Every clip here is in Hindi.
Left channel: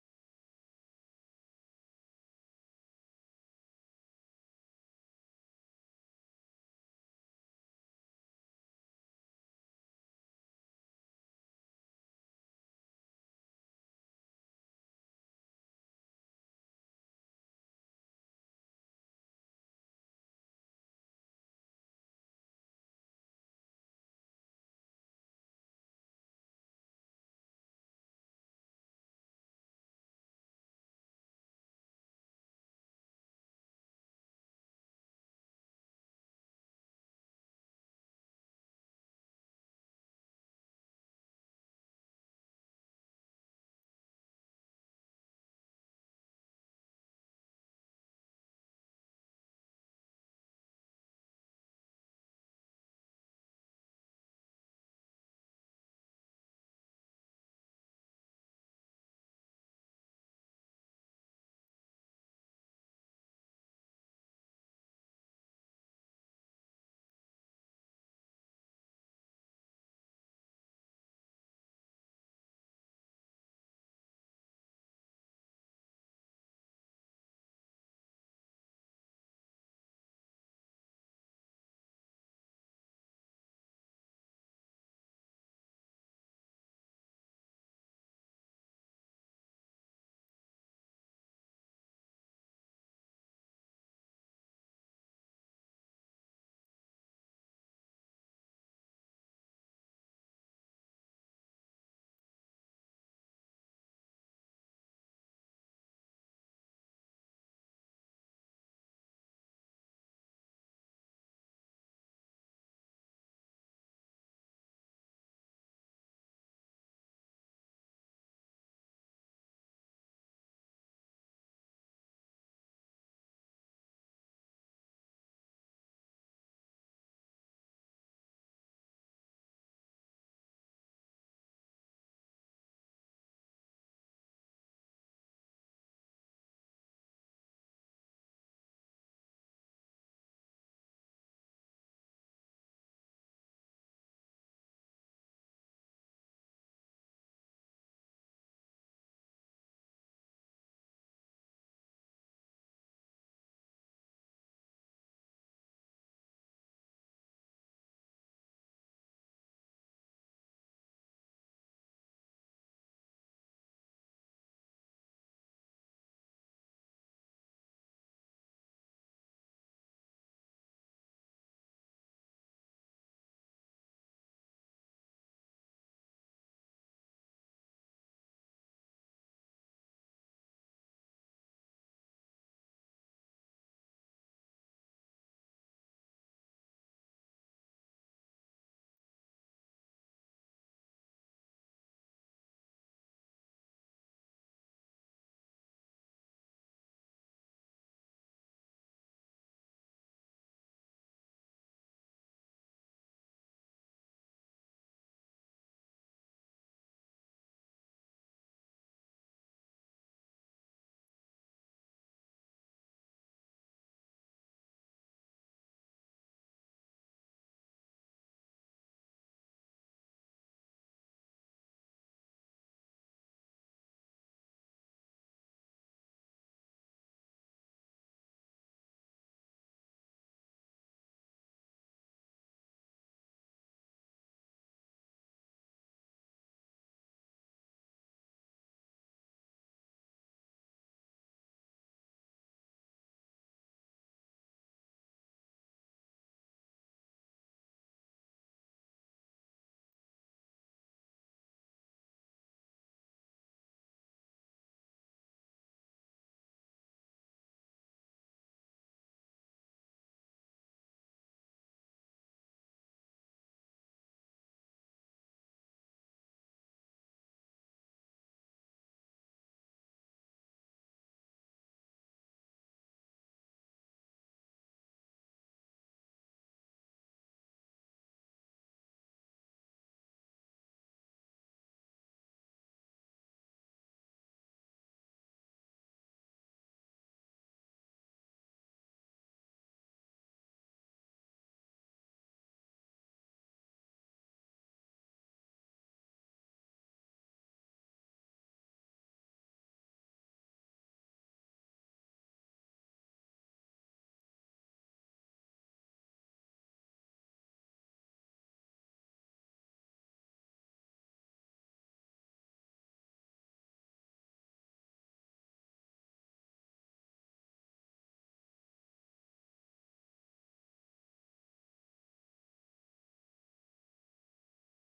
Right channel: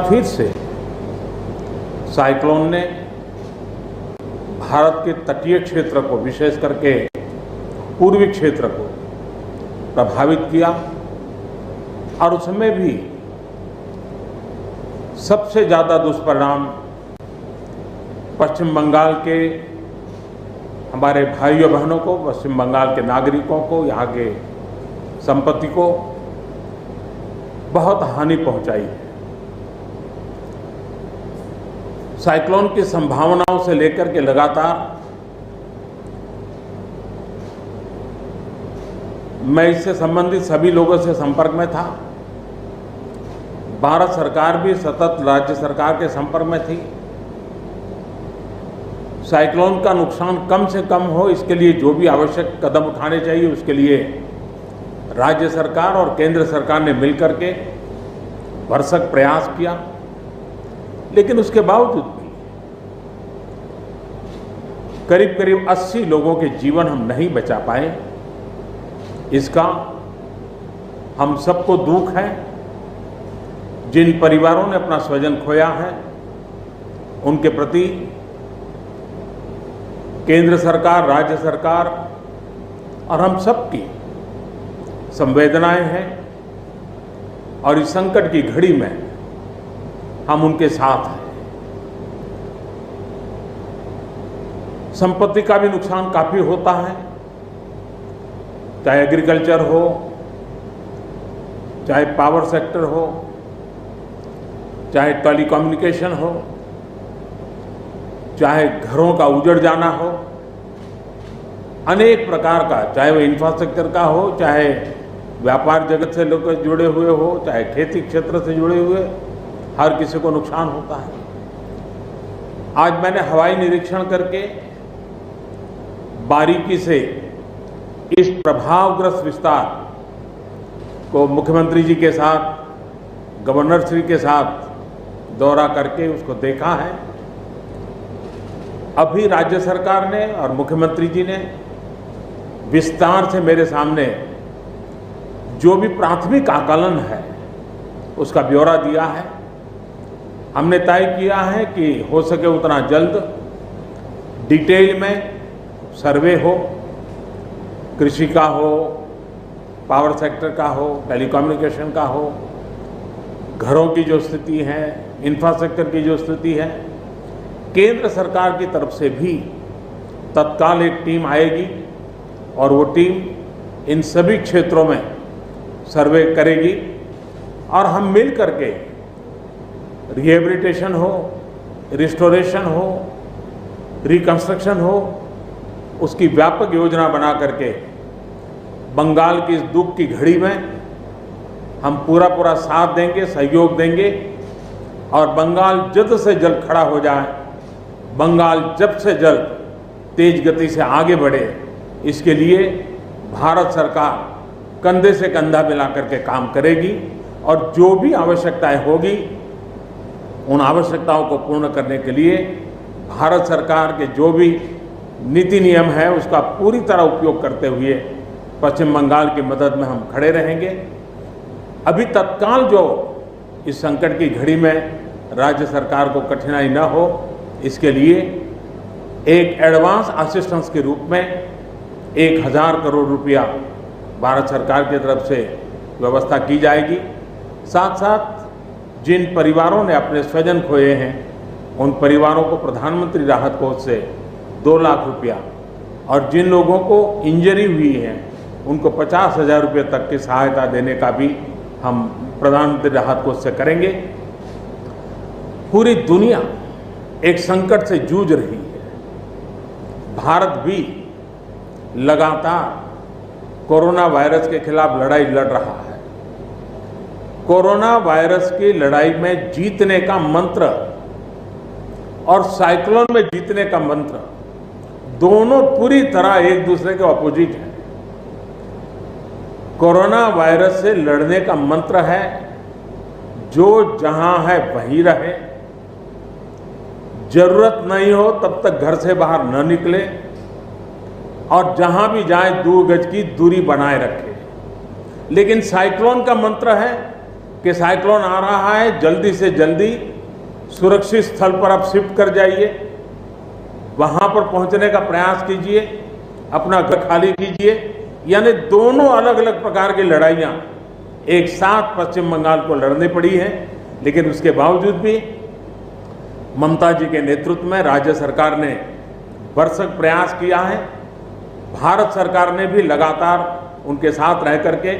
फिर से साइक्लोन ने भारत के तटीय क्षेत्र को, विशेष करके पूर्वी क्षेत्र को प्रभावित किया और उसमें भी सबसे ज्यादा दुष्परिणाम पश्चिम बंगाल के हमारे भाइयों बहनों को, पश्चिम बंगाल के नागरिकों को, यहाँ के संपत्ति को बहुत हानि पहुंचाई है। साइक्लोन की संभावनाओं से लेकर के लगातार मैं इससे संबंधित सभी लोगों से संपर्क में था। भारत सरकार भी सतत राज्य सरकार के संपर्क में थी। साइक्लोन का नुकसान कम से कम हो, इसके लिए जो भी आवश्यक कदम उठाने चाहिए उसके लिए राज्य सरकार और केंद्र सरकार ने मिलकर के भरसक प्रयास किया। लेकिन उसके बावजूद भी करीब करीब 80 लोगों के जीवन हम नहीं बचा पाए। इसका हम सबको दुख है। जिन परिवारों ने अपना स्वजन खोया है उनके प्रति केंद्र सरकार, राज्य सरकार और हम सबकी संवेदनाएं हैं और इस संकट की घड़ी में हम उनके साथ हैं। संपत्ति का भी नुकसान काफी होता है, चाहे एग्रीकल्चर हो, चाहे पावर सेक्टर हो, चाहे टेलीकम्युनिकेशन हो, चाहे घरों का उजड़ जाना हो, अनेक प्रकार का, चाहे वो इंफ्रास्ट्रक्चर का हो, चाहे व्यापार जगत से लोग जुड़े हुए हो, चाहे खेती क्षेत्र से जुड़े हुए, हर किसी को नुकसान होता है। आज मैंने हवाई निरीक्षण करके बारीकी से इस प्रभावग्रस्त विस्तार को मुख्यमंत्री जी के साथ, गवर्नर श्री के साथ दौरा करके उसको देखा है। अभी राज्य सरकार ने और मुख्यमंत्री जी ने विस्तार से मेरे सामने जो भी प्राथमिक आकलन है उसका ब्यौरा दिया है। हमने तय किया है कि हो सके उतना जल्द डिटेल में सर्वे हो, कृषि का हो, पावर सेक्टर का हो, टेलीकम्युनिकेशन का हो, घरों की जो स्थिति है, इंफ्रास्ट्रक्चर की जो स्थिति है। केंद्र सरकार की तरफ से भी तत्काल एक टीम आएगी और वो टीम इन सभी क्षेत्रों में सर्वे करेगी और हम मिल करके रिहेबिलिटेशन हो, रिस्टोरेशन हो, रिकंस्ट्रक्शन हो, उसकी व्यापक योजना बना करके बंगाल की इस दुख की घड़ी में हम पूरा साथ देंगे, सहयोग देंगे और बंगाल जल्द से जल्द खड़ा हो जाए, बंगाल जल्द से जल्द तेज गति से आगे बढ़े, इसके लिए भारत सरकार कंधे से कंधा मिला करके काम करेगी और जो भी आवश्यकताएं होगी उन आवश्यकताओं को पूर्ण करने के लिए भारत सरकार के जो भी नीति नियम है उसका पूरी तरह उपयोग करते हुए पश्चिम बंगाल की मदद में हम खड़े रहेंगे। अभी तत्काल जो इस संकट की घड़ी में राज्य सरकार को कठिनाई न हो, इसके लिए एक एडवांस असिस्टेंस के रूप में 1000 करोड़ रुपया भारत सरकार की तरफ से व्यवस्था की जाएगी। साथ साथ जिन परिवारों ने अपने स्वजन खोए हैं उन परिवारों को प्रधानमंत्री राहत कोष से 2 लाख रुपया और जिन लोगों को इंजरी हुई है उनको 50,000 रुपये तक की सहायता देने का भी हम प्रधानमंत्री राहत कोष से करेंगे। पूरी दुनिया एक संकट से जूझ रही है। भारत भी लगातार कोरोना वायरस के खिलाफ लड़ाई लड़ रहा है। कोरोना वायरस की लड़ाई में जीतने का मंत्र और साइक्लोन में जीतने का मंत्र दोनों पूरी तरह एक दूसरे के ऑपोजिट हैं। कोरोना वायरस से लड़ने का मंत्र है जो जहां है वहीं रहे, जरूरत नहीं हो तब तक घर से बाहर न निकले और जहां भी जाए 2 गज की दूरी बनाए रखे। लेकिन साइक्लोन का मंत्र है कि साइक्लोन आ रहा है, जल्दी से जल्दी सुरक्षित स्थल पर आप शिफ्ट कर जाइए, वहां पर पहुंचने का प्रयास कीजिए, अपना घर खाली कीजिए। यानी दोनों अलग अलग प्रकार की लड़ाइयां एक साथ पश्चिम बंगाल को लड़नी पड़ी है। लेकिन उसके बावजूद भी ममता जी के नेतृत्व में राज्य सरकार ने भरसक प्रयास किया है। भारत सरकार ने भी लगातार उनके साथ रह करके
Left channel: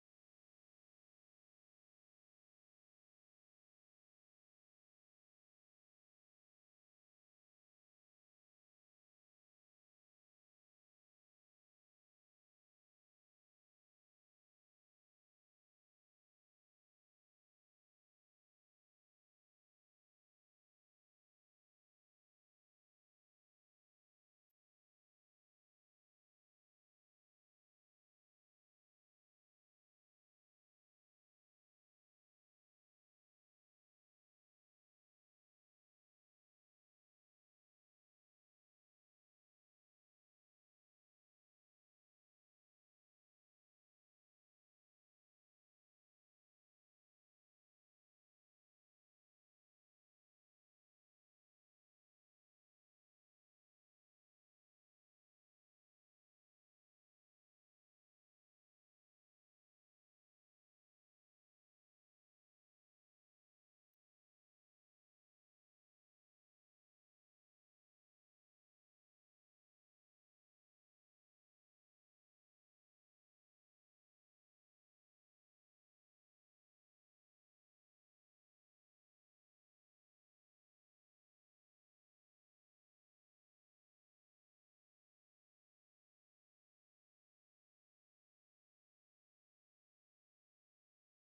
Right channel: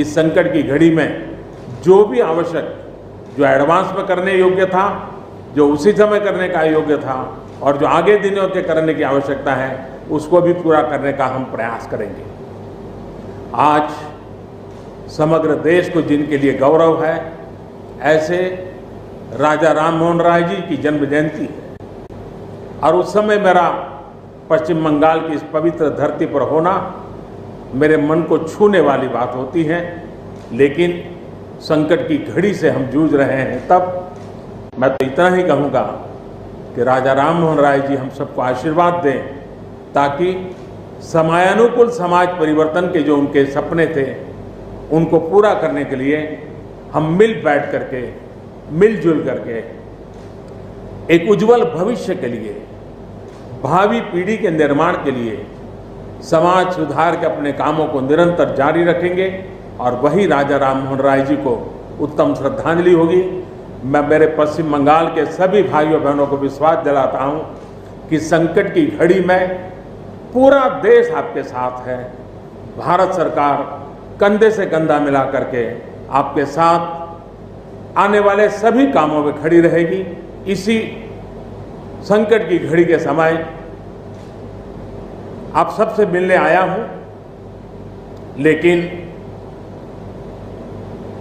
इस संकट की घड़ी में जो भी आवश्यक, जो एडवांस में करने योग्य था, जो उसी समय करने का योग्य था और जो आगे दिनों के करने की आवश्यकता है, उसको भी पूरा करने का हम प्रयास करेंगे। आज समग्र देश को जिनके लिए गौरव है, ऐसे राजा राममोहन राय जी की जन्म जयंती है और उस समय मेरा पश्चिम बंगाल की इस पवित्र धरती पर होना मेरे मन को छूने वाली बात होती है। लेकिन संकट की घड़ी से हम जूझ रहे हैं, तब मैं तो इतना ही कहूँगा कि राजा राममोहन राय जी हम सबको आशीर्वाद दें, ताकि समयानुकूल समाज परिवर्तन के जो उनके सपने थे, उनको पूरा करने के लिए हम बैठ करके, मिलजुल करके एक उज्जवल भविष्य के लिए, भावी पीढ़ी के निर्माण के लिए समाज सुधार के अपने कामों को निरंतर जारी रखेंगे और वही राजा राममोहन राय जी को उत्तम श्रद्धांजलि होगी। मैं मेरे पश्चिम बंगाल के सभी भाइयों बहनों को विश्वास दिलाता हूं कि संकट की घड़ी में पूरा देश आपके साथ है। भारत सरकार कंधे से कंधा मिला करके आपके साथ आने वाले सभी कामों में खड़ी रहेगी। इसी संकट की घड़ी के समय आप सबसे मिलने आया हूं, लेकिन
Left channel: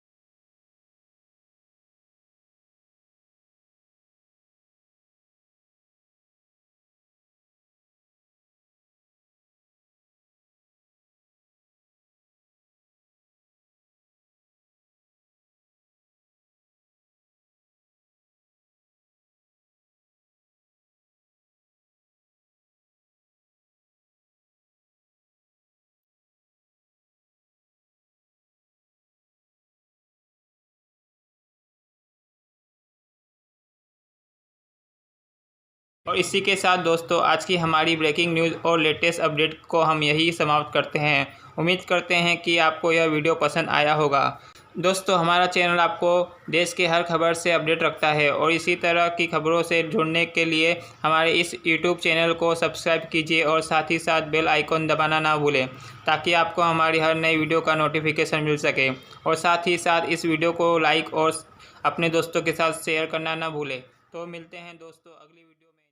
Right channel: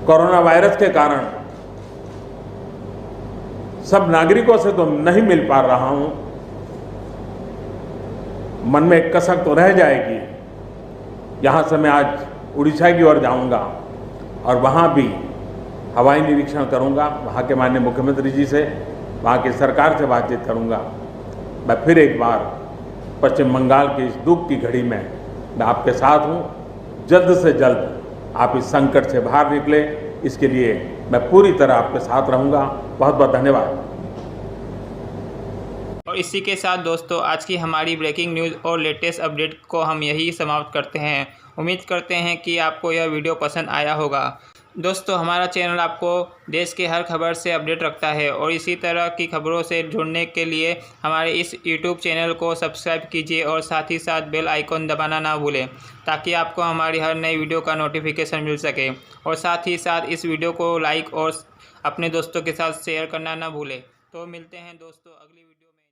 कोरोना वायरस के कारण सब नागरिकों से तो नहीं मिल पा रहा हूं। मन में एक कसक तो रह जाएगी। यहां से मैं आज उड़ीसा की ओर जाऊंगा और वहां भी हवाई निरीक्षण करूंगा, वहां के माननीय मुख्यमंत्री जी से, वहां की सरकार से बातचीत करूंगा। मैं फिर एक बार पश्चिम बंगाल की इस दुख की घड़ी में मैं आपके साथ हूं। जल्द से जल्द आप इस संकट से बाहर निकले, इसके लिए मैं पूरी तरह आपके साथ रहूंगा। बहुत बहुत धन्यवाद। और इसी के साथ दोस्तों आज की हमारी ब्रेकिंग न्यूज़ और लेटेस्ट अपडेट को हम यही समाप्त करते हैं। उम्मीद करते हैं कि आपको यह वीडियो पसंद आया होगा। दोस्तों हमारा चैनल आपको देश के हर खबर से अपडेट रखता है और इसी तरह की खबरों से जुड़ने के लिए हमारे इस YouTube चैनल को सब्सक्राइब कीजिए और साथ ही साथ बेल आइकॉन दबाना ना भूलें, ताकि आपको हमारी हर नई वीडियो का नोटिफिकेशन मिल सके। और साथ ही साथ इस वीडियो को लाइक और अपने दोस्तों के साथ शेयर करना ना भूलें। तो मिलते हैं दोस्तों अगली वीडियो में।